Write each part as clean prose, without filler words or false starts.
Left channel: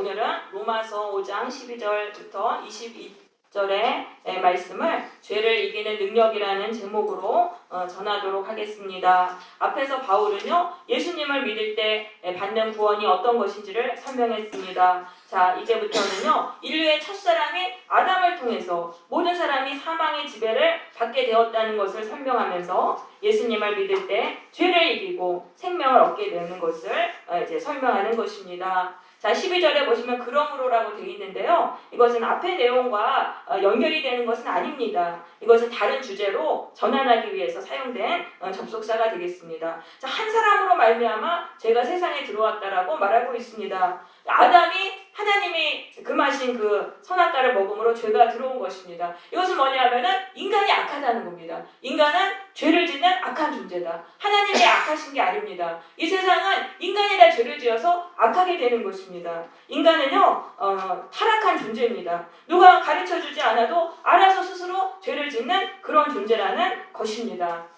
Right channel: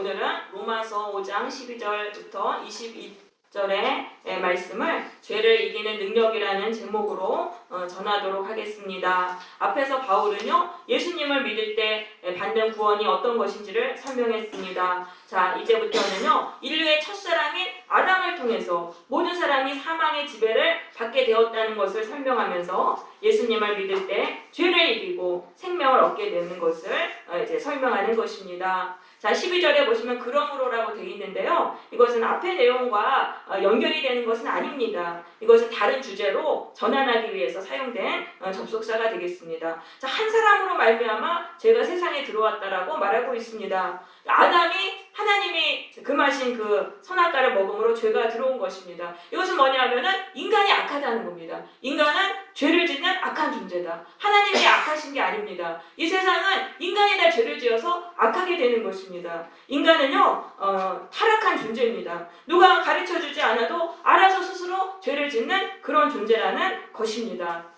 오늘은 로마서 5장 12절부터 22절의 말씀을 죄를 이기는 능력이라는 제목으로 전하도록 하겠습니다. 앞에서 바울은요, 예수님을 믿을 때 받는 구원이 어떤 것인지를 설명했습니다. 자, 이제부터는요, 인류의 첫사랑인 아담을 통해서 모든 사람이 사망의 지배를 받게 되었다는 것을 설명하면서 예수님을 믿을 때 죄를 이기고 생명을 얻게 되는 것을 이제 설명하는 것입니다. 자, 12절에 보시면 그러므로라고 되어 있는데요. 이것은 앞의 내용과 연결이 되는 것은 아닙니다. 이것은 다른 주제로 전환하기 위해서 사용된 접속사가 되겠습니다. 자, 한 사람으로 말미암아 죄가 세상에 들어왔다라고 말하고 있습니다. 아담이 하나님이 금하신 그 선악과를 먹음으로 죄가 들어온 것입니다. 이것은 뭐냐면은 인간이 악하다는 겁니다. 인간은 죄를 짓는 악한 존재다. 하나님이 악하신 게 아닙니다. 이 세상은 인간이 다 죄를 지어서 악하게 되는 것입니다. 인간은요, 타락한 존재입니다. 누가 가르쳐주지 않아도 알아서 스스로 죄를 짓는 그런 존재라는 것입니다.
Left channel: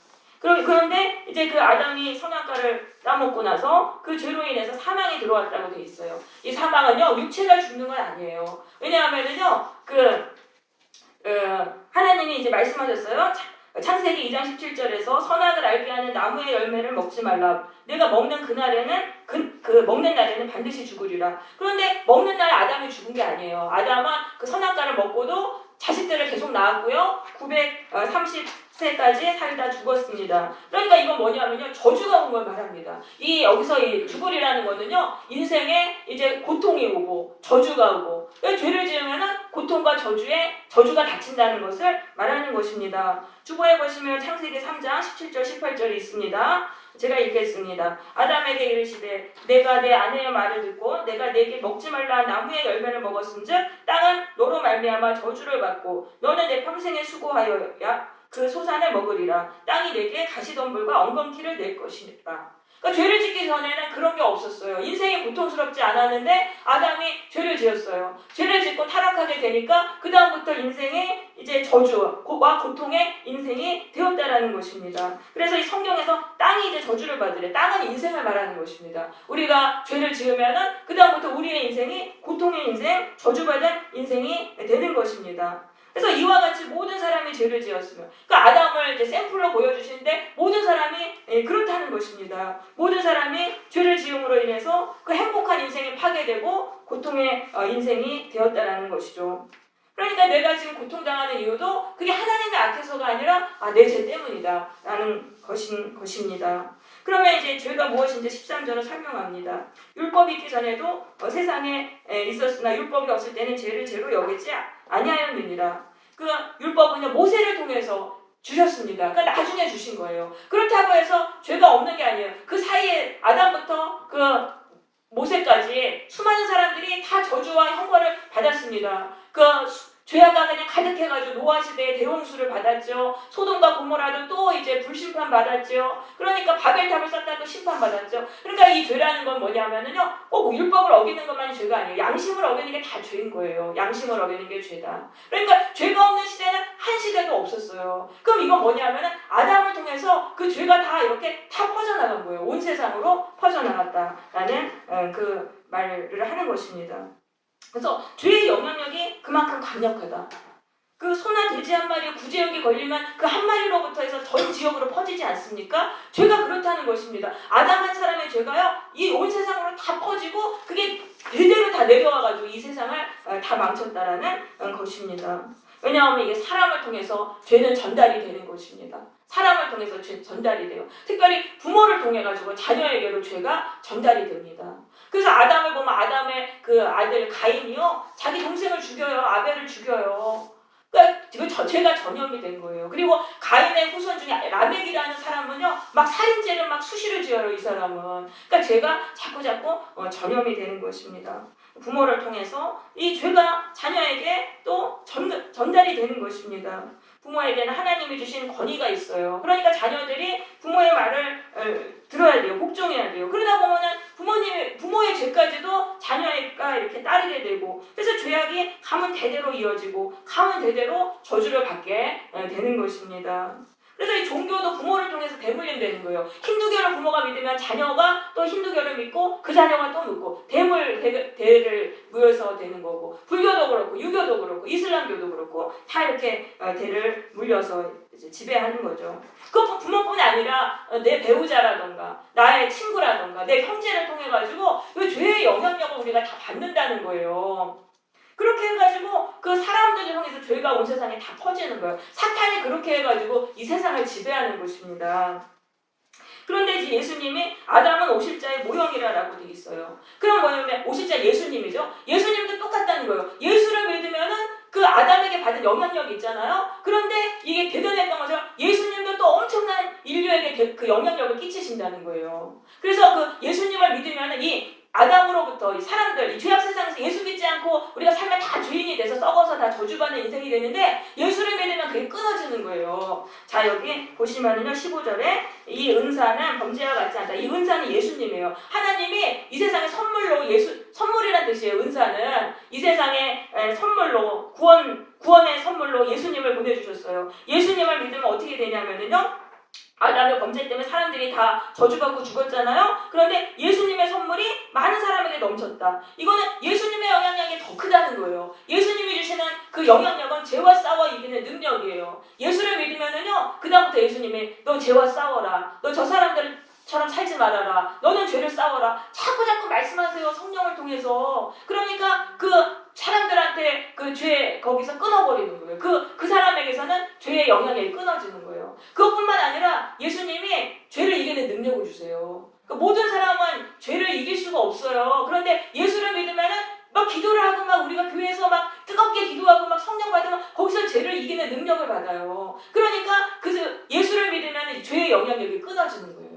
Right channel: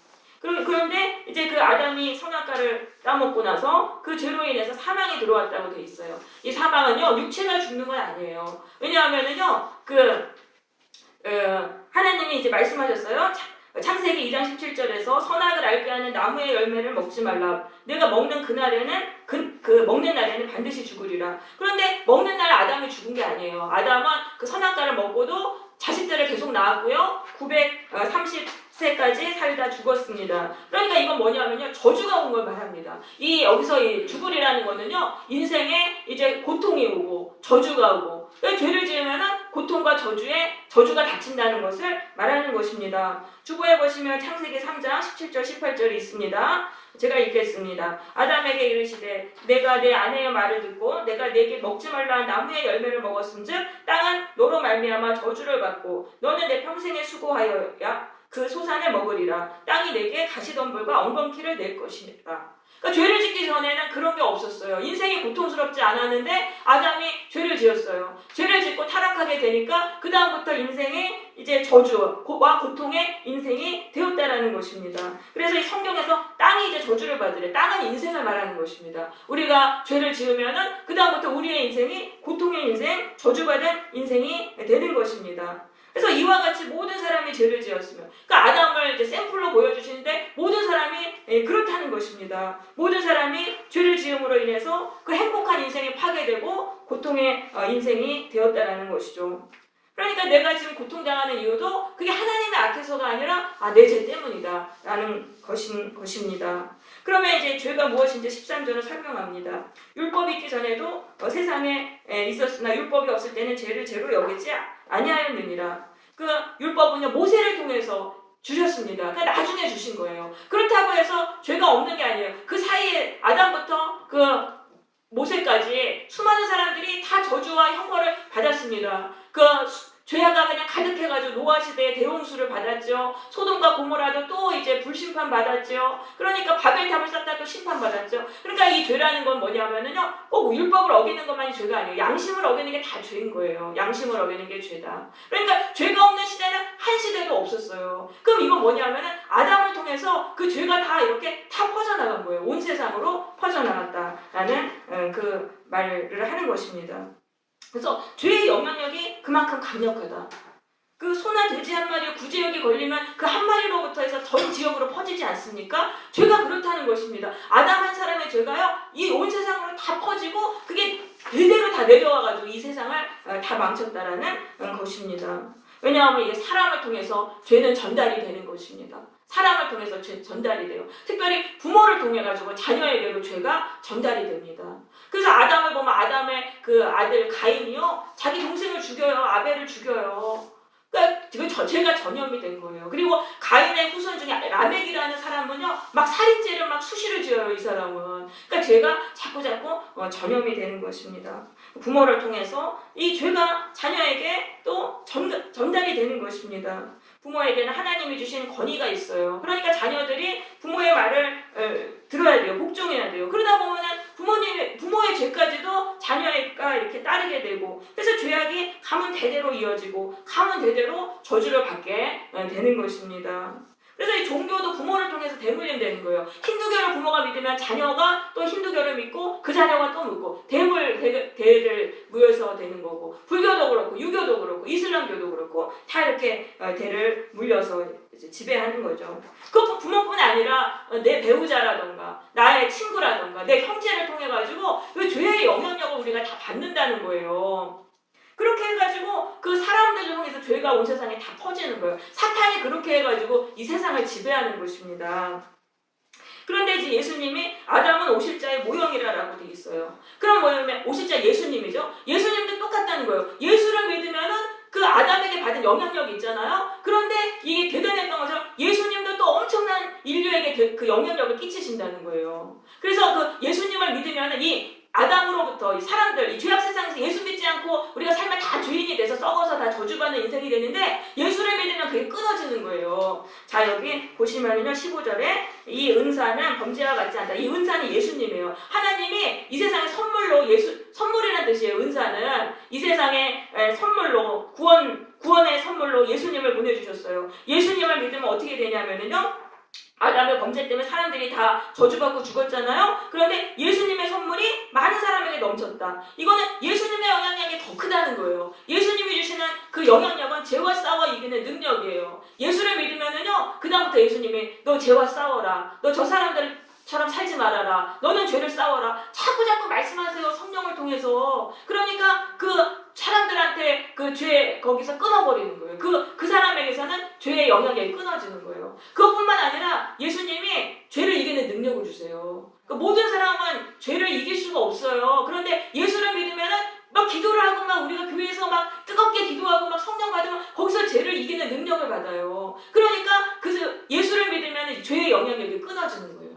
그런데 이제 그 아담이 선악과를 따먹고 나서 그 죄로 인해서 사망이 들어왔다고 돼 있어요. 이 사망은요, 육체가 죽는 건 아니에요. 왜냐하면은요, 하나님이 이제 말씀하셨어요. 창세기 2장 17절에서 선악을 알게 하는 나무의 열매를 먹지 말라. 내가 먹는 그날에는 먹는 날에는 반드시 죽으리라. 그런데 먹는 날 아담이 죽은 게 아니에요. 아담은 그 선악과를 먹고도 자식들을 계속 낳았고요. 930세까지 살다 죽었습니다. 그러니까 이건 뭐냐면요, 저주가 온 걸 말합니다. 여기서 이 죽으리라는 거는요, 인생에 이제 고통이 오고 저주가 오고, 죄를 지으면은 고통과 저주가 닥친다는 것을 말하는 것입니다. 주보에 보시면 창세기 3장 17절 18절이 있습니다. 제가 읽겠습니다. 아담에게 이르시되 내가 내 아내의 말을 듣고 내가 내게 먹지 말라 나무의 열매를 먹었은즉 땅은 너로 말미암아 저주를 받고 너는 내 평생에 수고하여야 그 소산을 먹으리라. 땅이 내게 가시덤불과 엉겅퀴를 낼 것이니라. 그러니까 죄를 짓기 전에는 그런 게 없었어요. 인생이 고통스럽지 않았는데 아담이 죄를 지었어요. 죄를 짓고 타락하게 되니까 그 다음부터 인생이 이제 저주와 고통의 인생이 되었다라는 것입니다. 그래서 이 성경에서 땅이 이제 저주를 받으래. 땅은 인생을 말하는 것입니다. 우리가 죄를 지으면은 그 다음부터 우리의 인생이 고통의 인생, 저주받은 인생이 되는 것입니다. 그래서 이와 같이 모든 사람이 죄를 지었으면, 그러니까 아담을 이제 샘플로 보여주시는데 모든 사람이 그렇다는 것입니다. 모든 사람이 죄를 지음으로 인해서 그 행복한 인생이 파괴되고 고통의 인생이 되었다라는 것이죠. 그러니까 내가 지금 고통당하는 이유도 그게 하나님의 악해서가 아니라 내 죄 때문이다 라는 것입니다. 그러면 이제 죄가 무엇인지 13절은 설명합니다. 율법이 있기 전에도 세상에 있었으나 율법이 없을 때는 죄를 죄로 여기지 아니하였느니라. 그 율법은요, 모세를 통해서 주셨습니다. 그러니까 나중에 주신 거예요. 그렇다고 해서 죄가 없는 게 아니에요. 그 사이에 아담부터 그 모세까지 수많은 사람들이 다 저주와 형벌을 받았습니다. 죄가 그냥 가득해가지고 노아 시대에 대홍수를 받았죠. 소돔과 고모라도 또 이제 불심판 받았죠. 그러니까 바벨탑을 쌓다가 심판 받았죠. 그러니까 이 죄라는 건 뭐냐면은요, 꼭 율법을 어기는 것만이 죄가 아니에요. 양심을 어기는 게 다 죄인 거예요. 양심을 어기는 게 죄다. 그러니까 죄가 없는 시대는 한 시대도 없었어요. 그럼 이건 뭐냐면은 아담을 통해서 그 죄가 다 이렇게 다 퍼져나간 거예요. 온 세상으로 퍼져나갔다라는 그 말을 하는 것입니다. 그래서 죄의 영향력이 그만큼 강력하다. 그 소나 돼지 한 마리 구제역이 걸리면 그 한 마리로부터 해서 전 지역으로 퍼지지 않습니까? 죄가 그렇다는 것입니다. 아담 한 사람의 죄가요, 이 온 세상으로 다 퍼지고 그게 대대로 다 내려와가지고 이 세상을 다 망쳤다라는 것입니다. 왜냐하면 이게 사람을 통해서 죄는 전달이 되는 것입니다. 사람을 통해서 전달이 돼요. 특별히 부모를 통해 가지고 자녀에게로 죄가 전달이 됩니다. 그래서 아담을 보면 아담의 그 아들 가인이요, 자기 동생을 죽여요. 아벨을 죽여요. 그러니까 죄가 전염이 된 거예요. 그리고 가인의 후손 중에 라멕이라는 사람은요, 막 살인죄를 막 수시로 지어요, 이 사람은. 그러니까 죄가 자꾸 전염이 되는 것입니다. 부모를 통해서 이 죄가 자녀에게 또 전달이 되는 것입니다. 부모에게는 하나님이 주신 권위가 있어요. 그러니까 자녀들이 부모의 말을 들어야 돼요. 복종해야 돼요. 그러다 보면은 부모의 죄까지도 자녀가 이렇게 따르게 되고, 그래서 죄악이 가문 대대로 이어지고 가문 대대로 저주를 받게 되는 것입니다. 그래서 이 종교도 부모를 통해서 대물림되는 거예요. 힌두교를 부모가 믿으면 자녀가 또 힌두교를 믿고 그 자녀가 또 믿고 대를 물려서 되는 거고, 불교도 그렇고 유교도 그렇고 이슬람교도 그렇고 다 이렇게 대를 물려서 이제 지배하는 거죠. 그 부모뿐 아니라 내 배우자라던가 나의 친구라던가 내 형제를 통해 가지고 그 죄의 영향력을 우리가 다 받는다는 거예요. 그렇게 해가지고 그 사람들을 통해서 죄가 온 세상에 다 퍼지는 거예요. 사탄이 그렇게 해가지고 이 세상을 지배하는 것입니다. 그런데 이제 예수님이 아담은 오실자의 모형이라고 되어 있어요. 그럼 뭐냐면 오실자 예수님이죠. 예수님도 똑같다는 거예요. 예수를 믿으면은 그 아담에게 받은 영향력이 있잖아요. 그런데 이게 대단했던 것처럼 예수님도 또 엄청난 인류에게 그 영향력을 끼치신다는 거예요. 그래서 그 예수님을 믿으면은 이 아담으로부터 이 사람들, 이 죄악 세상에서 예수 믿지 않고 우리가 살면 다 죄인이 돼서 썩어서 다 저주받는 인생이 되는데 예수를 믿으면 그게 끊어지는 거예요. 자, 여기 보시면은요, 15절에 이 은사는 범죄와 같지 않다. 이 은사는 예수님이에요. 하나님이 이 세상에 선물로 선물이라는 뜻이에요. 은사는 이 세상에 선물로 구원의 선물로 예수님을 보내주셨어요. 예수님을 믿으면 어떻게 되냐면은요, 아담의 범죄 때문에 사람들이 다 저주받고 죽었잖아요. 그런데 예수님의 선물이 많은 사람에게 넘쳤다. 이거는 예수님의 영향력이 더 크다는 거예요. 예수님이 주시는 그 영향력은 죄와 싸워 이기는 능력이에요. 예수를 믿으면은요, 그다음부터 예수님이 너 죄와 싸워라. 너 저 사람들처럼 살지 말아라. 너는 죄를 싸워라. 자꾸 말씀하세요. 성령을 통해서. 그러니까 그 사람들한테 그 죄 거기서 끊어버리는 거예요. 그 사람에게서는 죄의 영향력이 끊어지는 거예요. 그것뿐만 아니라 예수님이 죄를 이기는 능력을 주세요. 그러니까 모든 사람은 죄를 이길 수가 없어요. 그런데 예수를 믿으면은 막 기도를 하고 막 우리가 교회에서 막 뜨겁게 기도하고 막 성령 받으면 거기서 죄를 이기는 능력을 받아요. 그러니까 그 예수를 믿으면 죄의 영향력이 끊어지는 거예요.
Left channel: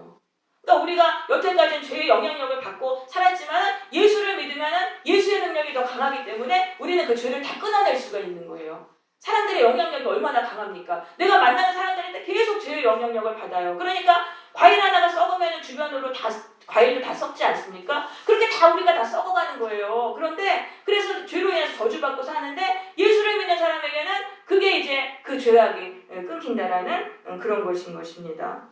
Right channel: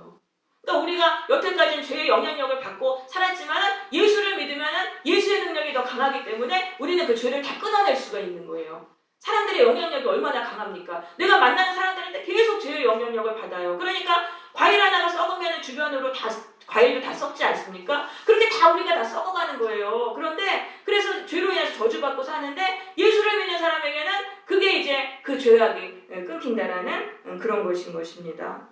그러니까 우리가 여태까지는 죄의 영향력을 받고 살았지만 예수를 믿으면 예수의 능력이 더 강하기 때문에 우리는 그 죄를 다 끊어낼 수가 있는 거예요. 사람들의 영향력이 얼마나 강합니까? 내가 만나는 사람들한테 계속 죄의 영향력을 받아요. 그러니까 과일 하나가 썩으면 주변으로 다 과일도 다 썩지 않습니까? 그렇게 다 우리가 다 썩어가는 거예요. 그런데 그래서 죄로 인해서 저주받고 사는데 예수를 믿는 사람에게는 그게 이제 그 죄악이 끊긴다라는 그런 것인 것입니다.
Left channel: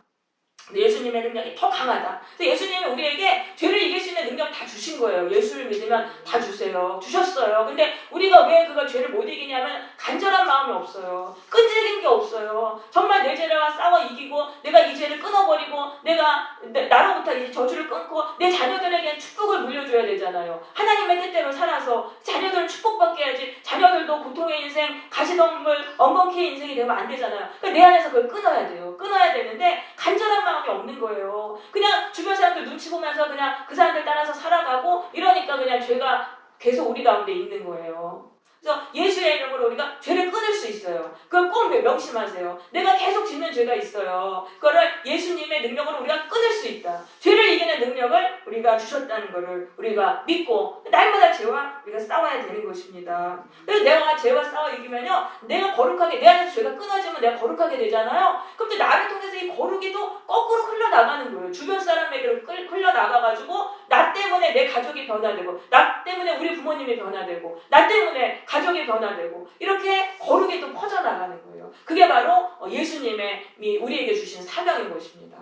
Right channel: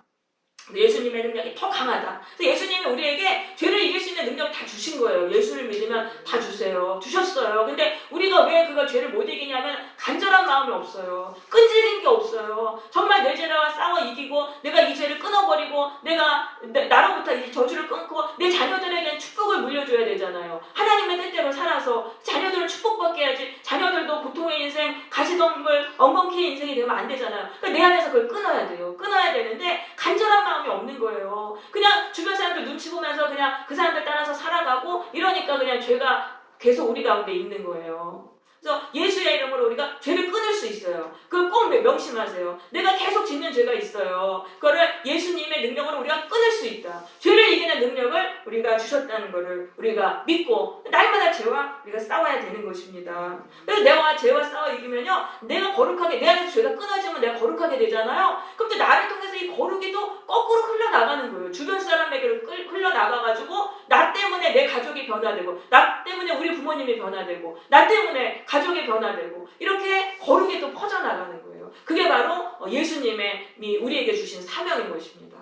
예수님의 능력이 더 강하다. 그래서 예수님이 우리에게 죄를 이길 수 있는 능력 다 주신 거예요. 예수를 믿으면 다 주세요. 주셨어요. 근데 우리가 왜 그걸 죄를 못 이기냐면 간절한 마음이 없어요. 끈질긴 게 없어요. 정말 내 죄와 싸워 이기고 내가 이 죄를 끊어버리고 내가 나로부터 이제 저주를 끊고 내 자녀들에게 축복을 물려줘야 되잖아요. 하나님의 뜻대로 살아서 자녀들을 축복받게 해야지. 자녀들도 고통의 인생, 가시덤불, 엉겅퀴의 인생이 되면 안 되잖아요. 그러니까 내 안에서 그걸 끊어야 돼요. 끊어야 되는데 간절한 마음이 없는 거예요. 그냥 주변 사람들 눈치 보면서 그냥 그 사람들 따라서 살아가고 이러니까 그냥 죄가 계속 우리 가운데 있는 거예요. 그래서 예수의 이름으로 우리가 죄를 끊을 수 있어요. 그걸 꼭 명심하세요. 내가 계속 짓는 죄가 있어요. 그거를 예수님의 능력으로 우리가 끊을 수 있다. 죄를 이기는 능력을 우리가 주셨다는 것을 우리가 믿고 날마다 죄와 우리가 싸워야 되는 것입니다. 그래서 내가 죄와 싸워 이기면요, 내가 거룩하게, 내 안에서 죄가 끊어지면 내가 거룩하게 되잖아요. 그럼 또 나를 통해서 이 거룩이 또 거꾸로 흘러나가는 거예요. 주변 사람에게로 흘러나가가지고 나 때문에 내 가족이 변화되고 나 때문에 우리 부모님이 변화되고 나 때문에 가족이 변화되고 이렇게 거룩이 또 퍼져나가는 거예요. 그게 바로 예수님의 우리에게 주신 사명인 것입니다.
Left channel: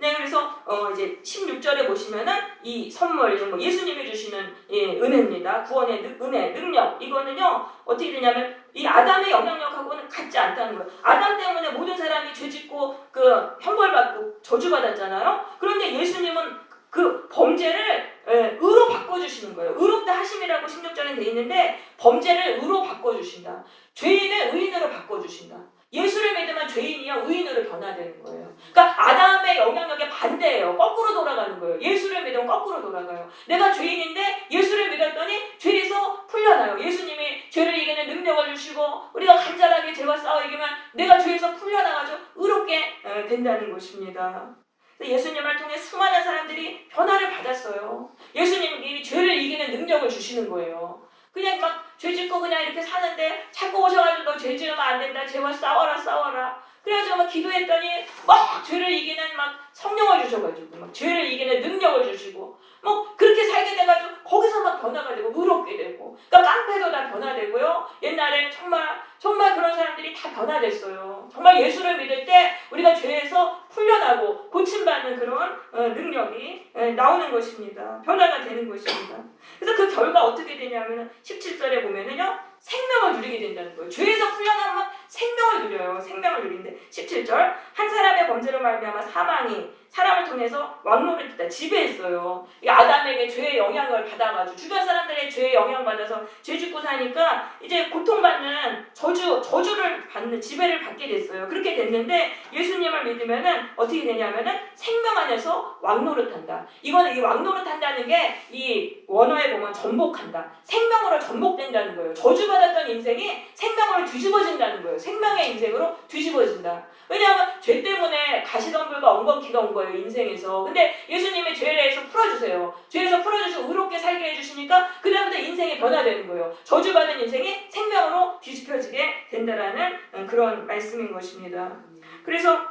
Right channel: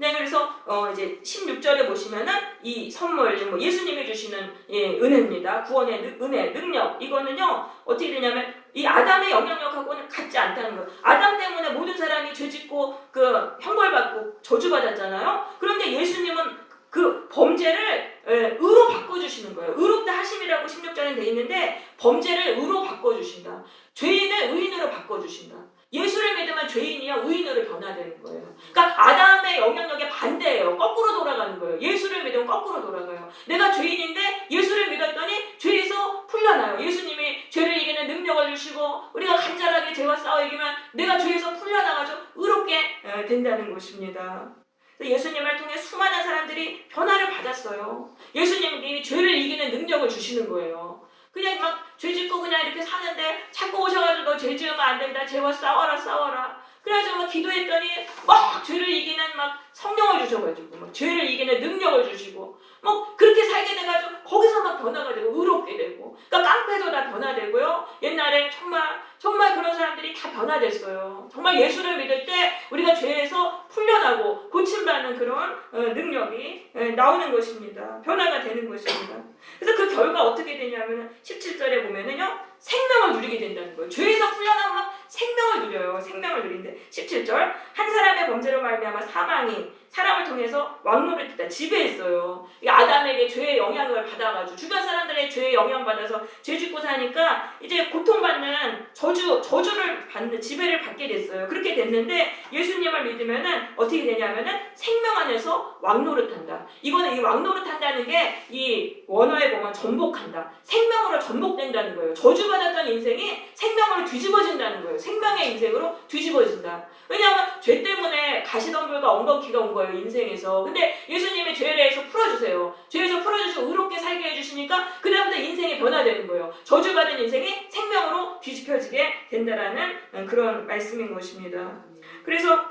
네, 그래서 이제 16절에 보시면은 이 선물, 예수님이 주시는 은혜입니다. 구원의 은혜, 능력. 이거는요, 어떻게 되냐면 이 아담의 영향력하고는 같지 않다는 거예요. 아담 때문에 모든 사람이 죄짓고 그 형벌받고 저주받았잖아요. 그런데 예수님은 그 범죄를 의로 바꿔주시는 거예요. 의롭다 하심이라고 16절에 돼 있는데 범죄를 의로 바꿔주신다. 죄인을 의인으로 바꿔주신다. 예수를 믿으면 죄인이요 의인으로 변화되는 거예요. 그러니까 아담의 영향력에 반대예요. 거꾸로 돌아가는 거예요. 예수를 믿으면 거꾸로 돌아가요. 내가 죄인인데 예수를 믿었더니 죄에서 풀려나요. 예수님이 죄를 이기는 능력을 주시고 우리가 간절하게 죄와 싸워 이기면 내가 죄에서 풀려나가지고 의롭게 된다는 것입니다. 예수님을 통해 수많은 사람들이 변화를 받았어요. 예수님이 죄를 이기는 능력을 주시는 거예요. 그냥 막 죄 짓고 그냥 이렇게 사는데 자꾸 오셔가지고 너 죄 지으면 안 된다. 죄와 싸워라. 그래가지고 막 기도했더니 막 죄를 이기는 막 성령을 주셔가지고 막 죄를 이기는 능력을 주시고 뭐 그렇게 살게 돼가지고 거기서 막 변화가 되고 의롭게 되고 그러니까 깡패도 다 변화되고요. 옛날에 정말 그런 사람들이 다 변화됐어요. 우리가 예수를 믿을 때 우리가 죄에서 풀려나고 고침받는 그런 능력이 나오는 것입니다. 변화가 되는 것입니다. 그래서 그 결과 어떻게 되냐면 17절에 보면은요, 생명을 누리게 된다는 거예요. 죄에서 풀려나면 생명을 누려요. 생명을 누린데 17절, 한 사람의 범죄로 말미암아 사망이 사람을 통해서 왕노릇했다, 지배했어요. 이 아담에게 죄의 영향을 받아가지고 주변 사람들의 죄의 영향 받아서 죄 짓고 사니까 이제 고통받는 저주를 받는, 지배를 받게 됐어요. 그렇게 됐는데 예수님을 믿으면은 어떻게 되냐면은 생명 안에서 왕노릇한다. 이거는 이 왕노릇한다는 게 이 원어에 보면 전복한다, 생명으로 전복된다는 거예요. 저주받았던 인생이 생명으로 뒤집어진다는 거예요. 생명의 인생으로 뒤집어진다. 왜냐하면 죄 때문에 가시덤불과 엉겅퀴가 온 거예요, 인생에서. 근데 예수님의 죄에 대해서 풀어주세요. 죄에서 풀어주시고 의롭게 살게 해주시니까 그 다음부터 인생이 변화되는 거예요. 저주받은 인생이 생명으로 뒤집혀지게 된다라는 그런 말씀인 것입니다. 그래서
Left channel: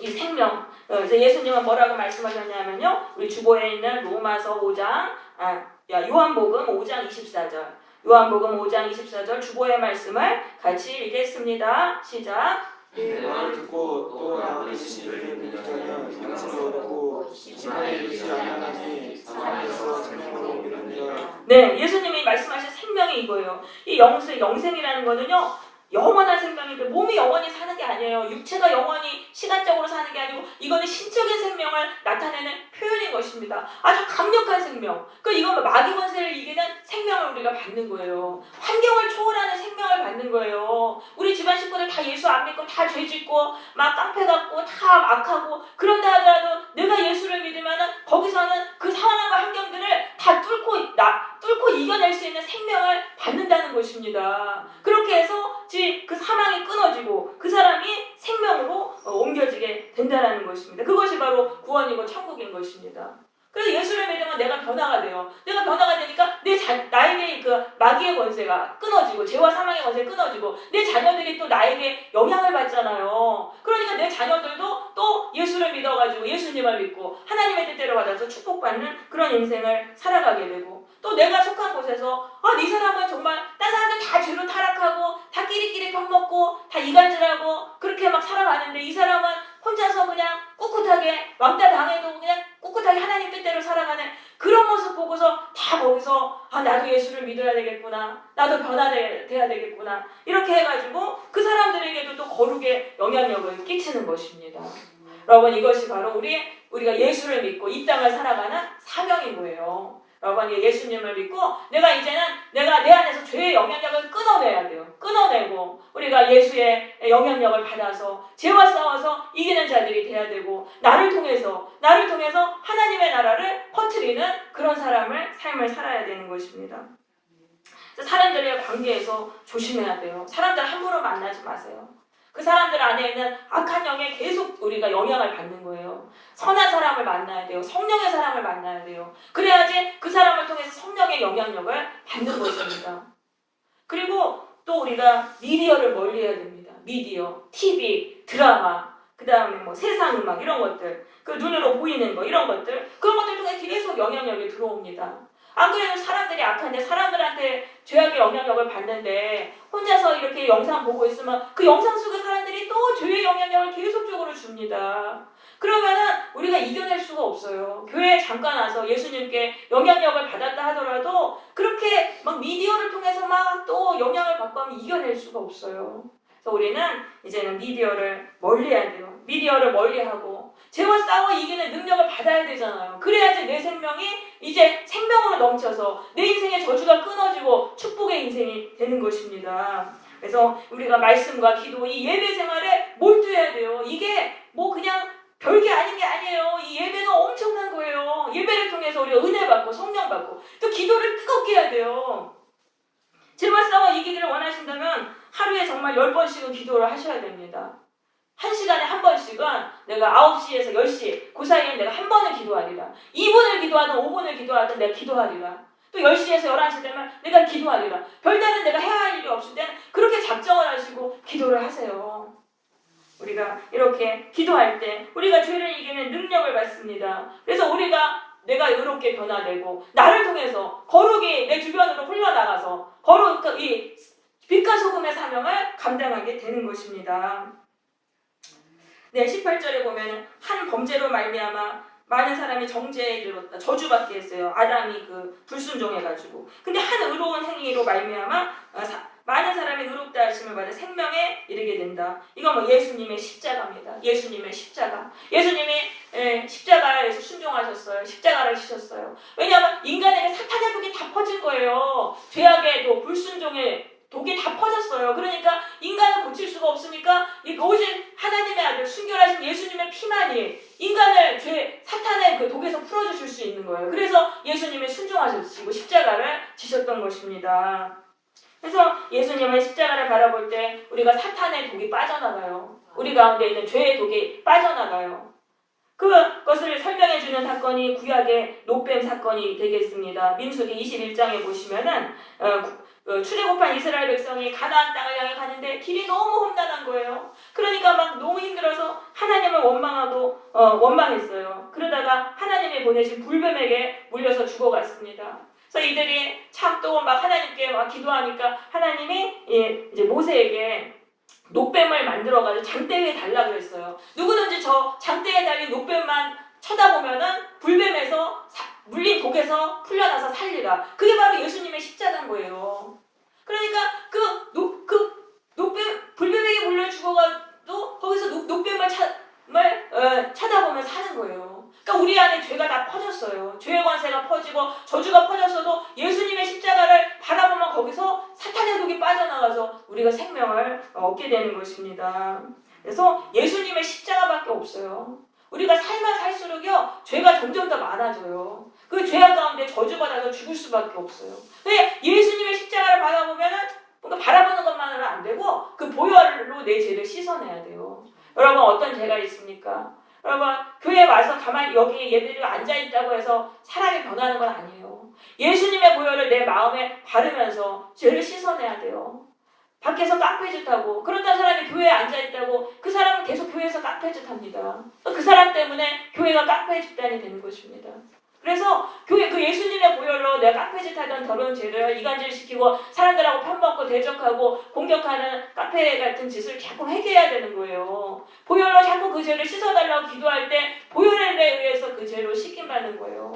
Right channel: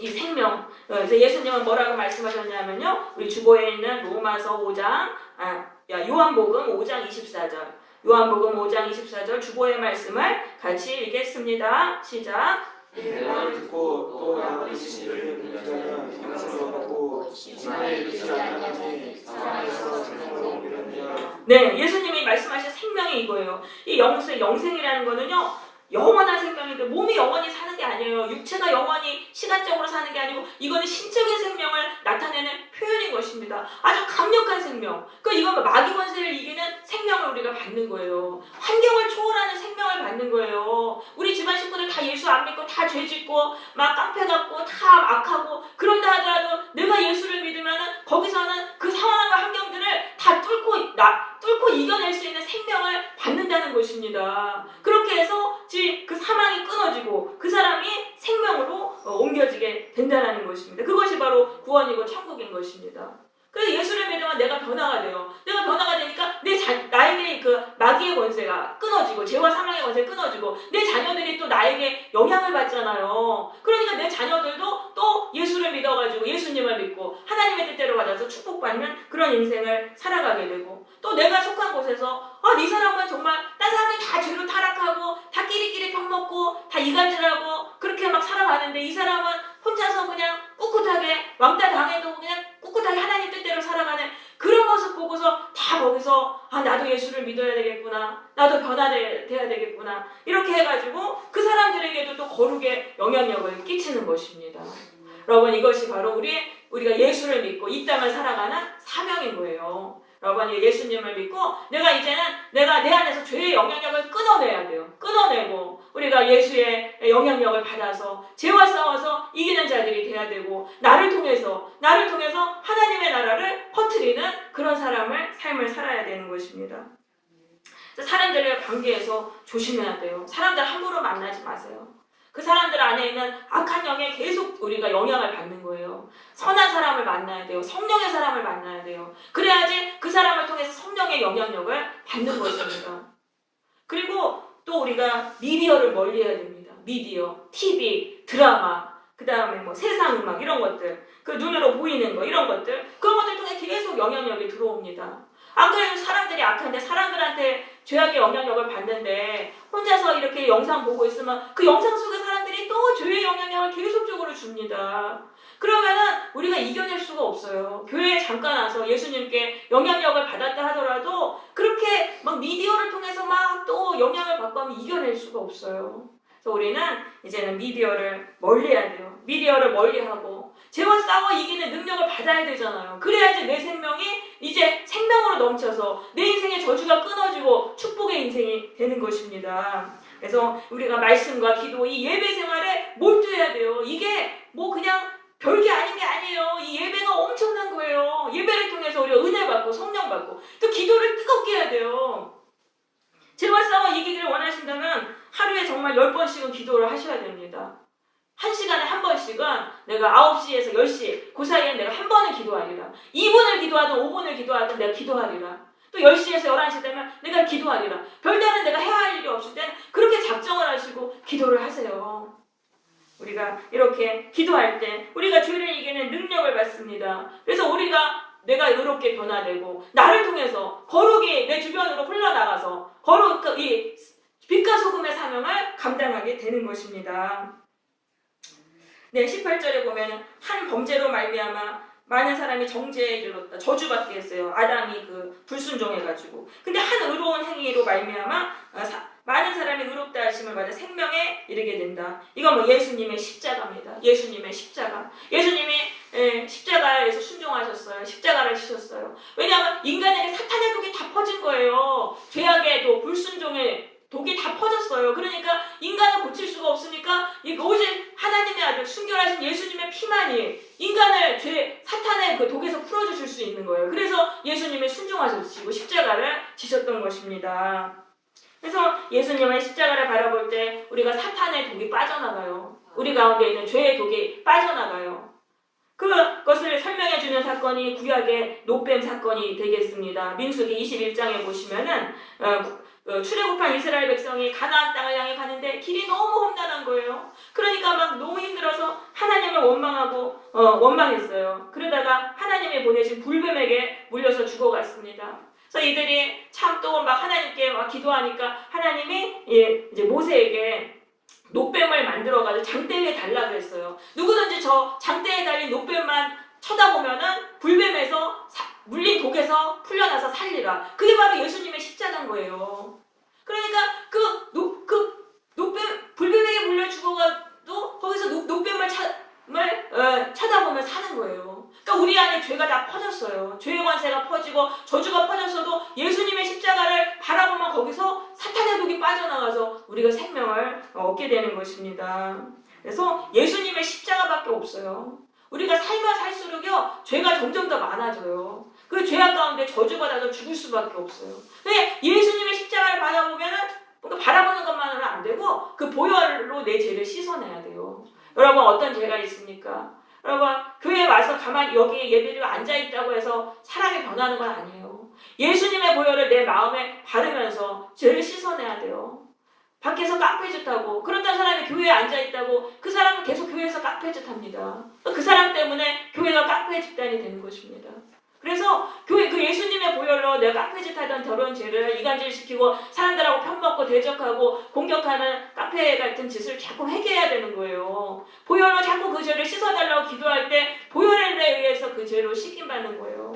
이 생명, 이제 예수님은 뭐라고 말씀하셨냐면요, 우리 주보에 있는 로마서 5장, 요한복음 5장 24절, 요한복음 5장 24절 주보의 말씀을 같이 읽겠습니다. 시작. 내 말을 듣고 또 나를 보시기를 믿는 자는 영생이 얻고 이 말에 믿지 않으니 사망에서 생명으로 옮기느니라. 네, 예수님이 말씀하신 생명이 이거예요. 이 영생이라는 거는요, 영원한 생명인데 몸이 영원히 사는 게 아니에요. 육체가 영원히 시간적으로 사는 게 아니고 이거는 신적인 생명을 나타내는 표현인 것입니다. 아주 강력한 생명. 이건 마귀 권세를 이기는 생명을 우리가 받는 거예요. 환경을 초월하는 생명을 받는 거예요. 우리 집안 식구들 다 예수 안 믿고 다 죄 짓고 막 깡패 같고 다 악하고 그런다 하더라도 내가 예수를 믿으면은 거기서는 그 상황과 환경들을 다 뚫고 이겨낼 수 있는 생명을 받는다는 것입니다. 그렇게 해서 그 사망이 끊어지고 그 사람이 생명으로 옮겨지게 된다는 것입니다. 그것이 바로 구원이고 천국인 것입니다. 그래서 예수를 믿으면 내가 변화가 돼요. 내가 변화가 되니까 나에게 그 마귀의 권세가 끊어지고 죄와 사망의 권세가 끊어지고 내 자녀들이 또 나에게 영향을 받잖아요. 그러니까 내 자녀들도 또 예수를 믿어가지고 예수님을 믿고 하나님의 뜻대로 받아서 축복받는 그런 인생을 살아가게 되고, 또 내가 속한 곳에서 이 사람은 정말 딴 사람들 다 죄로 타락하고 다 끼리끼리 펴먹고 다 이간질하고 그렇게 막 살아가는데 이 사람은 혼자서 그냥 꿋꿋하게 왕따 당해도 그냥 꿋꿋하게 하나님 뜻대로 살아가는 그런 모습 보고서 다 거기서 나도 예수를 믿어야 되겠구나, 나도 변화돼야 되겠구나, 이렇게 해가지고 그 사람들에게도 또 거룩의 영향력을 끼치는 것입니다. 여러분, 이것이 바로 우리가 예수를 믿고 이 땅을 살아가는 사명인 거예요. 여러분, 예수님을 믿고 내가 내 안에서 죄의 영향력을 끊어내야 돼요. 끊어내고 우리가 예수의 영향력을 받아서 죄와 싸워서 이기는 자들이 돼야 되고, 나를 통해서 하나님의 나라를 퍼뜨리는 그런 삶을 살아야 되는 것입니다. 사람들의 관계에서 조심해야 돼요. 사람들 함부로 만나지 마세요. 그 사람들 안에 있는 악한 영에 계속 우리가 영향을 받는 거예요. 선한 사람을 만나야 돼요. 성령의 사람을 만나야 돼요. 그래야지 그 사람을 통해서 성령의 영향력을 받는 것입니다. 그리고 또 우리가 미디어를 멀리해야 됩니다. 미디어, TV, 드라마, 그 다음에 세상 음악 이런 것들, 그 눈으로 보이는 거 이런 것들, 그런 것들 통해 계속 영향력이 들어옵니다. 안 그래도 사람들이 악한데 사람들한테 죄악의 영향력을 받는데 혼자서 이렇게 영상 보고 있으면 그 영상 속의 사람들이 또 죄의 영향력을 계속적으로 줍니다. 그러면은 우리가 이겨낼 수가 없어요. 교회에 잠깐 와서 예수님께 영향력을 받았다 하더라도 그렇게 막 미디어를 통해서 막 또 영향을 받고 하면 이겨낼 수가 없어요. 그래서 우리는 이제는 미디어를 멀리해야 돼요. 미디어를 멀리하고 죄와 싸워 이기는 능력을 받아야 되잖아요. 그래야지 내 생명이 이제 생명으로 넘쳐서 내 인생의 저주가 끊어지고 축복의 인생이 되는 것입니다. 그래서 우리가 말씀과 기도, 이 예배 생활에 몰두해야 돼요. 이게 그냥 별게 아닌 게 아니에요. 이 예배가 엄청난 거예요. 예배를 통해서 우리가 은혜 받고 성령 받고 또 기도를 뜨겁게 해야 돼요. 죄와 싸워 이기기를 원하신다면 하루에 정말 10번씩은 기도를 하셔야 됩니다. 1시간에 한 번씩은 내가 9시에서 10시 그 사이에 내가 한 번은 기도하리라. 2분을 기도하든 5분을 기도하든 내가 기도하리라. 또 10시에서 11시 되면 내가 기도하리라. 별다른 내가 해야 할 일이 없을 때는 그렇게 작정을 하시고 기도를 하세요. 우리가 이렇게 기도할 때 우리가 죄를 이기는 능력을 받습니다. 그래서 내가 의롭게 변화되고 나를 통해서 거룩이 내 주변으로 흘러나가서 이 빛과 소금의 사명을 감당하게 되는 것입니다. 네, 18절에 보면은 한 범죄로 말미암아 많은 사람이 정죄에 이르렀다. 저주받게 했어요. 아담이 그 불순종해가지고. 근데 한 의로운 행위로 말미암아 많은 사람이 의롭다 하심을 받아 생명에 이르게 된다. 이건 뭐 예수님의 십자가입니다. 예수님의 십자가. 예수님이 십자가에서 순종하셨어요. 십자가를 지셨어요. 왜냐하면 인간에게 사탄의 독이 다 퍼진 거예요. 죄악의 독, 불순종의 독이 다 퍼졌어요. 그러니까 인간을 고칠 수가 없으니까 오직 하나님의 아들 순결하신 예수님의 피만이 인간을 사탄의 그 독에서 풀어주실 수 있는 거예요. 그래서 예수님이 순종하셨고 십자가를 지셨던 것입니다. 그래서 예수님의 십자가를 바라볼 때 우리가 사탄의 독이 빠져나가요. 우리 가운데 있는 죄의 독이 빠져나가요. 그것을 설명해 주는 사건이 구약의 노뱀 사건이 되겠습니다. 민수기 21장에 보시면은 출애굽한 이스라엘 백성이 가나안 땅을 향해 가는데 길이 너무 험난한 거예요. 그러니까 막 너무 힘들어서 하나님을 원망했어요. 그러다가 하나님이 보내신 불뱀에게 물려서 죽어갔습니다. 그래서 이들이 참 또 막 하나님께 막 기도하니까 하나님이 이제 모세에게 노뱀을 만들어가지고 장대 위에 달라고 했어요. 누구든지 저 장대에 달린 노뱀만 쳐다보면은 불뱀에서 물린 독에서 풀려나서 살리라. 그게 바로 예수님의 십자가인 거예요. 그러니까 불뱀에게 물려 죽어가도 거기서 노뱀을 쳐다보면 사는 거예요. 그러니까 우리 안에 죄가 다 퍼졌어요. 죄의 관세가 퍼지고 저주가 퍼졌어도 예수님의 십자가를 바라보면 거기서 사탄의 독이 빠져나가서 우리가 생명을 얻게 되는 것입니다. 그래서 예수님의 십자가밖에 없어요. 우리가 살면 살수록요 죄가 점점 더 많아져요. 그 죄악 가운데 저주받아서 죽을 수밖에 없어요. 근데 예수님의 십자가를 바라보면은 뭔가 바라보는 것만으로는 안 되고 그 보혈로 내 죄를 씻어내야 돼요. 여러분 어떤 죄가 있습니까? 여러분 교회에 와서 가만히 여기 예배드리고 앉아있다고 해서 사람이 변하는 건 아니에요. 예수님의 보혈을 내 마음에 바르면서 죄를 씻어내야 돼요. 밖에서 깡패짓 하고 그런다는 사람이 교회에 앉아있다고 그 사람은 계속 교회에서 깡패짓 합니다. 그 사람 때문에 교회가 깡패 집단이 되는 것입니다. 그래서 교회 그 예수님의 보혈로 내가 깡패짓 하던 더러운 죄를 이간질시키고 사람들하고 편먹고 대적하고 공격하는 깡패 같은 짓을 자꾸 회개해야 되는 거예요. 보혈로 자꾸 그 죄를 씻어달라고 기도할 때 보혈에 의해서 그 죄로 씻김받는 거예요.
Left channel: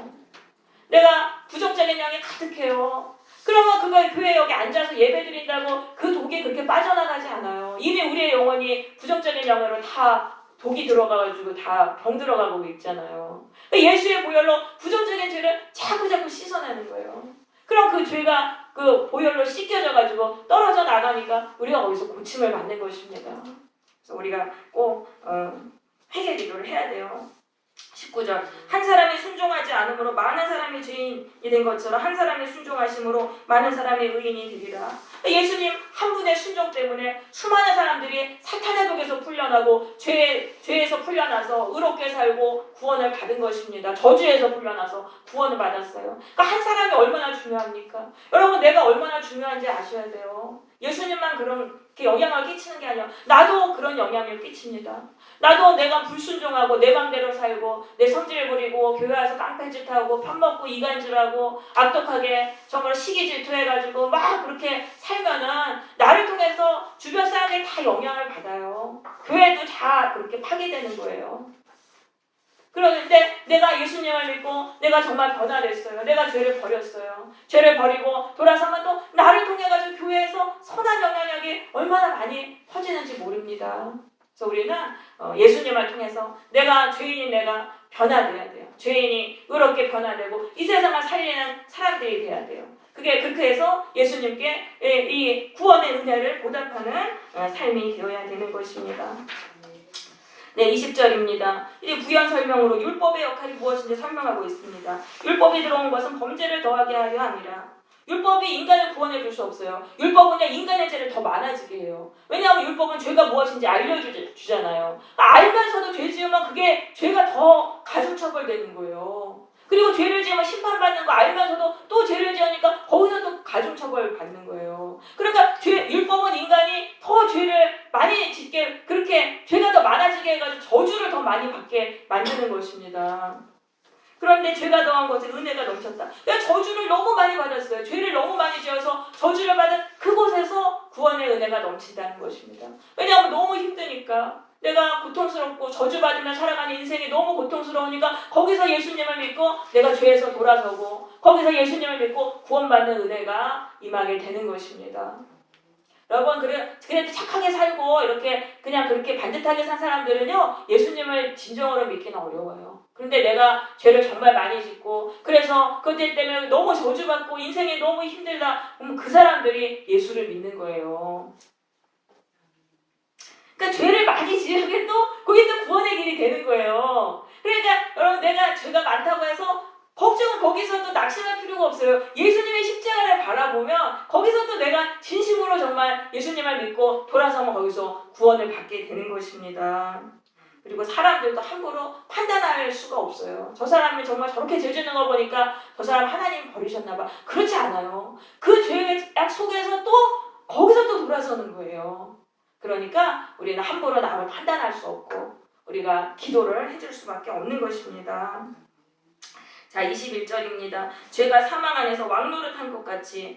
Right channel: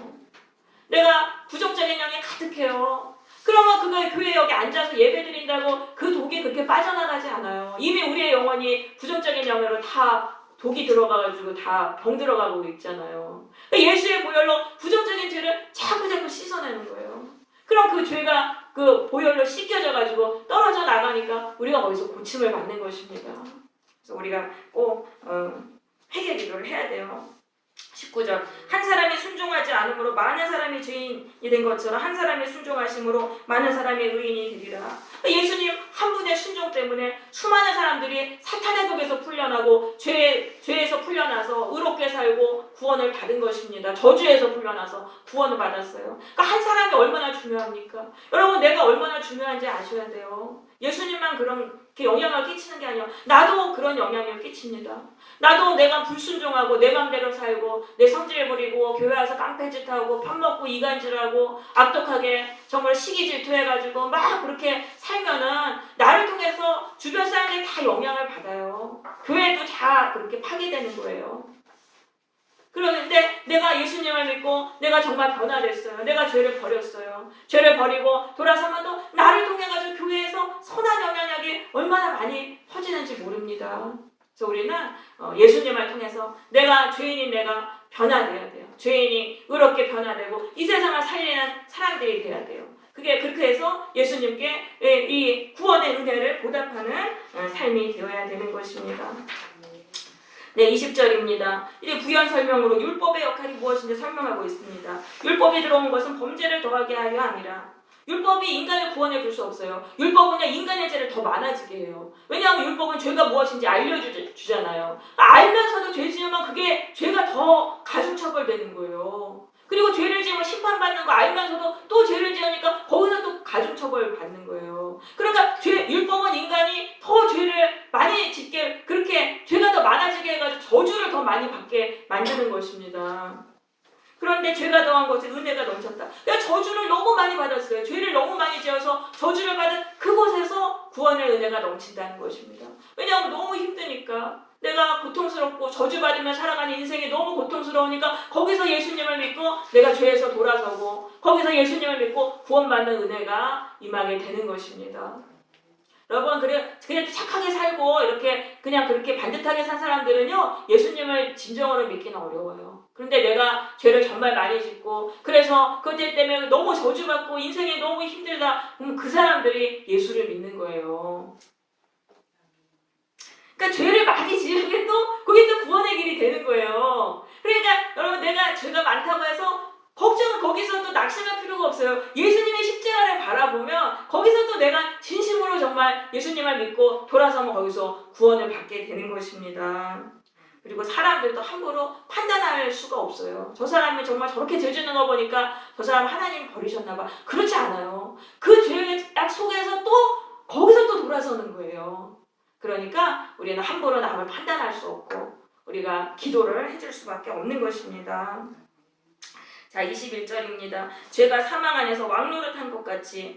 내가 부정적인 영이 가득해요. 그러면 그거 교회 여기 앉아서 예배 드린다고 그 독이 그렇게 빠져나가지 않아요. 이미 우리의 영혼이 부정적인 영으로 다 독이 들어가가지고 다 병 들어가고 있잖아요. 예수의 보혈로 부정적인 죄를 자꾸 씻어내는 거예요. 그럼 그 죄가 그 보혈로 씻겨져가지고 떨어져 나가니까 우리가 거기서 고침을 받는 것입니다. 그래서 우리가 꼭 회개 기도를 해야 돼요. 19절 한 사람이 순종하지 않으므로 많은 사람이 죄인이 된 것처럼 한 사람이 순종하심으로 많은 사람이 의인이 되리라. 예수님 한 분의 순종 때문에 수많은 사람들이 사탄의 독에서 풀려나고 죄에서 풀려나서 의롭게 살고 구원을 받은 것입니다. 저주에서 풀려나서 구원을 받았어요. 그러니까 한 사람이 얼마나 중요합니까? 여러분 내가 얼마나 중요한지 아셔야 돼요. 예수님만 그렇게 영향을 끼치는 게 아니라 나도 그런 영향을 끼칩니다. 나도 내가 불순종하고 내 맘대로 살고 내 성질 부리고 교회 와서 깡패짓하고 편먹고 이간질하고 악독하게 정말 시기 질투해가지고 막 그렇게 살면은 나를 통해서 주변 사람들이 다 영향을 받아요. 교회도 다 그렇게 파괴되는 거예요. 그런데 내가 예수님을 믿고 내가 정말 변화됐어요. 내가 죄를 버렸어요. 죄를 버리고 돌아서면 또 나를 통해 가지고 교회에서 선한 영향력이 얼마나 많이 퍼지는지 모릅니다. 그래서 우리는 예수님을 통해서 내가 죄인인 내가 변화돼야 돼요. 죄인이 의롭게 변화되고 이 세상을 살리는 사람들이 돼야 돼요. 그게 그렇게 해서 예수님께 이 구원의 은혜를 보답하는 삶이 되어야 되는 것입니다. 네, 20절입니다. 이제 부연 설명으로 율법의 역할이 무엇인지 설명하고 있습니다. 율법이 들어온 것은 범죄를 더하게 하려 함이라. 율법이 인간을 구원해 줄 수 없어요. 율법은요 인간의 죄를 더 많아지게 해요. 왜냐하면 율법은 죄가 무엇인지 알려주잖아요. 알면서도 죄 지으면 그게 죄가 더 가중처벌되는 거예요. 그리고 죄를 지으면 심판받는 거 알면서도 또 죄를 지으니까 거기서 또 가중처벌 받는 거예요. 그러니까 율법은 인간이 더 죄를 많이 짓게 그렇게 죄가 더 많아지게 해가지고 저주를 더 많이 받게 만드는 것입니다. 그런데 죄가 더한 것에 은혜가 넘쳤다. 내가 저주를 너무 많이 받았어요. 죄를 너무 많이 지어서 저주를 받은 그곳에서 구원의 은혜가 넘친다는 것입니다. 왜냐하면 너무 힘드니까 내가 고통스럽고 저주받으며 살아가는 인생이 너무 고통스러우니까 거기서 예수님을 믿고 내가 죄에서 돌아서고 거기서 예수님을 믿고 구원받는 은혜가 임하게 되는 것입니다. 여러분, 그래도 착하게 살고 이렇게 그냥 그렇게 반듯하게 산 사람들은요, 예수님을 진정으로 믿기는 어려워요. 그런데 내가 죄를 정말 많이 짓고 그래서 그것 때문에 너무 저주받고 인생이 너무 힘들다, 그럼 그 사람들이 예수를 믿는 거예요. 그러니까 죄를 많이 지으면 그게 또 구원의 길이 되는 거예요. 그러니까 여러분, 내가 죄가 많다고 해서 걱정은 거기서 또 낙심할 필요가 없어요. 예수님의 십자가를 바라보면 거기서 또 내가 진심으로 정말 예수님을 믿고 돌아서면 거기서 구원을 받게 되는 것입니다. 그리고 사람들도 함부로 판단할 수가 없어요. 저 사람이 정말 저렇게 죄 짓는 거 보니까 저 사람 하나님 버리셨나 봐. 그렇지 않아요. 그 죄의 약 속에서 또 거기서 또 돌아서는 거예요. 그러니까 우리는 함부로 남을 판단할 수 없고 우리가 기도를 해줄 수밖에 없는 것입니다. 자, 21절입니다. 죄가 사망 안에서 왕노릇한 것 같이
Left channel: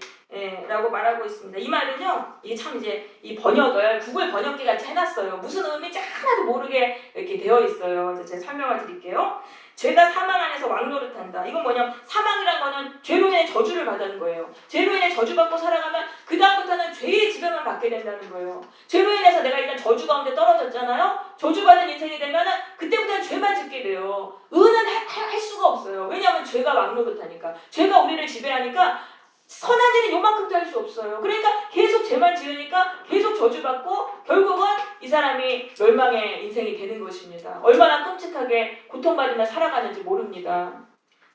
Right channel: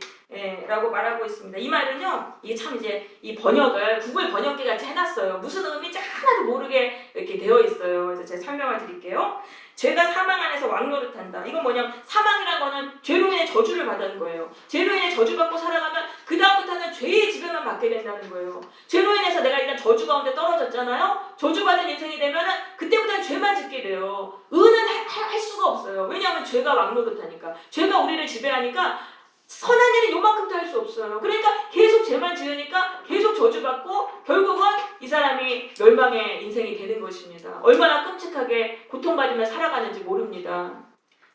라고 말하고 있습니다. 이 말은요, 이게 참 이제 이 번역을 구글 번역기 같이 해놨어요. 무슨 의미인지 하나도 모르게 이렇게 되어 있어요. 그래서 제가 설명을 드릴게요. 죄가 사망 안에서 왕노릇한다. 이건 뭐냐면 사망이란 거는 죄로 인해 저주를 받는 거예요. 죄로 인해 저주받고 살아가면 그 다음부터는 죄의 지배만 받게 된다는 거예요. 죄로 인해서 내가 일단 저주 가운데 떨어졌잖아요. 저주받은 인생이 되면은 그때부터는 죄만 짓게 돼요. 의는 할 수가 없어요. 왜냐하면 죄가 왕노릇하니까. 죄가 우리를 지배하니까 선한 일은 요만큼도 할 수 없어요. 그러니까 계속 죄만 지으니까 계속 저주받고 결국은 이 사람이 멸망의 인생이 되는 것입니다. 얼마나 끔찍하게 고통받으며 살아가는지 모릅니다.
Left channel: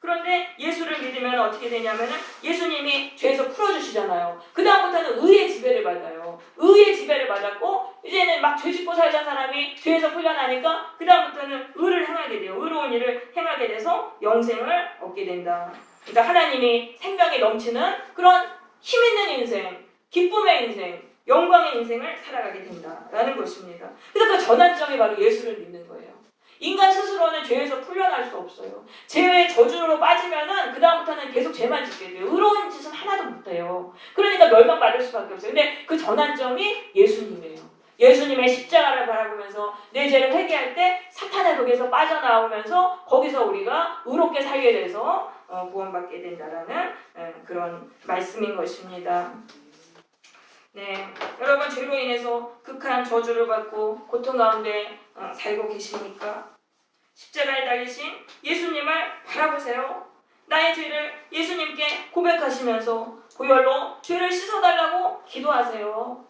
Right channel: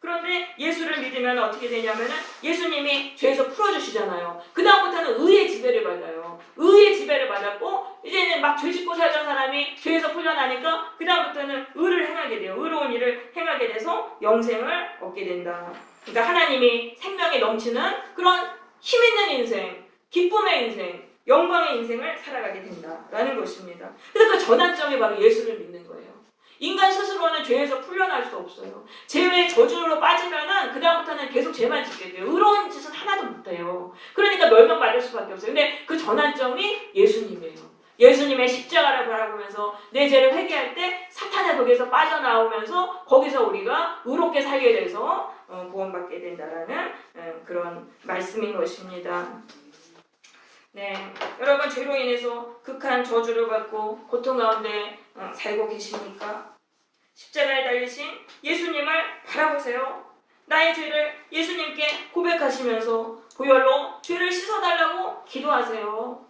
그런데 예수를 믿으면 어떻게 되냐면은 예수님이 죄에서 풀어주시잖아요. 그 다음부터는 의의 지배를 받아요. 의의 지배를 받았고 이제는 막 죄 짓고 살던 사람이 죄에서 풀려나니까 그 다음부터는 의를 행하게 돼요. 의로운 일을 행하게 돼서 영생을 얻게 된다. 그러니까 하나님이 생명이 넘치는 그런 힘 있는 인생, 기쁨의 인생, 영광의 인생을 살아가게 된다라는 것입니다. 그래서 그 전환점이 바로 예수를 믿는 거예요. 인간 스스로는 죄에서 풀려날 수 없어요. 죄의 저주로 빠지면은 그 다음부터는 계속 죄만 짓게 돼요. 의로운 짓은 하나도 못해요. 그러니까 멸망받을 수밖에 없어요. 근데 그 전환점이 예수님이에요. 예수님의 십자가를 바라보면서 내 죄를 회개할 때 사탄의 독에서 빠져나오면서 거기서 우리가 의롭게 살게 돼서 구원받게 된다라는 그런 말씀인 것입니다. 네, 여러분 죄로 인해서 극한 저주를 받고 고통 가운데 살고 계십니까? 십자가에 달리신 예수님을 바라보세요. 나의 죄를 예수님께 고백하시면서 고열로 죄를 씻어달라고 기도하세요.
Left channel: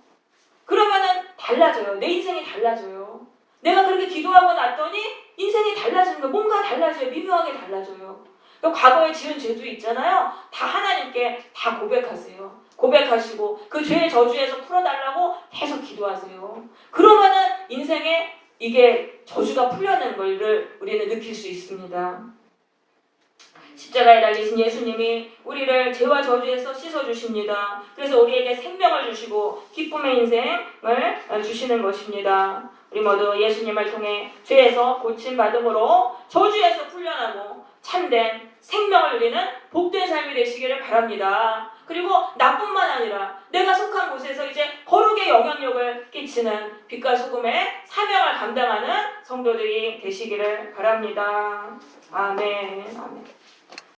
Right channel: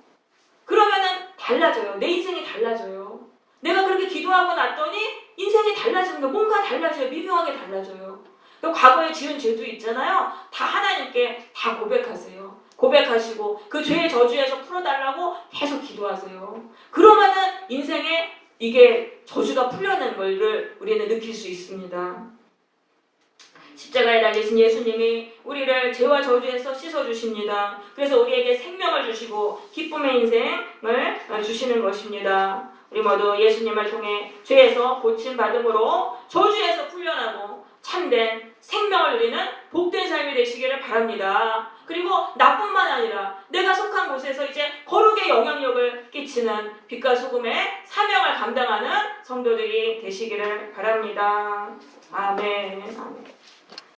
그러면은 달라져요. 내 인생이 달라져요. 내가 그렇게 기도하고 났더니 인생이 달라지는 거예요. 뭔가 달라져요. 미묘하게 달라져요. 과거에 지은 죄도 있잖아요. 다 하나님께 다 고백하세요. 고백하시고 그 죄의 저주에서 풀어달라고 계속 기도하세요. 그러면은 인생에 이게 저주가 풀려는 걸 우리는 느낄 수 있습니다. 십자가에 달리신 예수님이 우리를 죄와 저주에서 씻어주십니다. 그래서 우리에게 생명을 주시고 기쁨의 인생을 주시는 것입니다. 우리 모두 예수님을 통해 죄에서 고침받음으로 저주에서 풀려나고 참된 생명을 누리는 복된 삶이 되시기를 바랍니다. 그리고 나뿐만 아니라 내가 속한 곳에서 이제 거룩의 영향력을 끼치는 빛과 소금의 사명을 감당하는 성도들이 되시기를 바랍니다. 아멘. 아멘.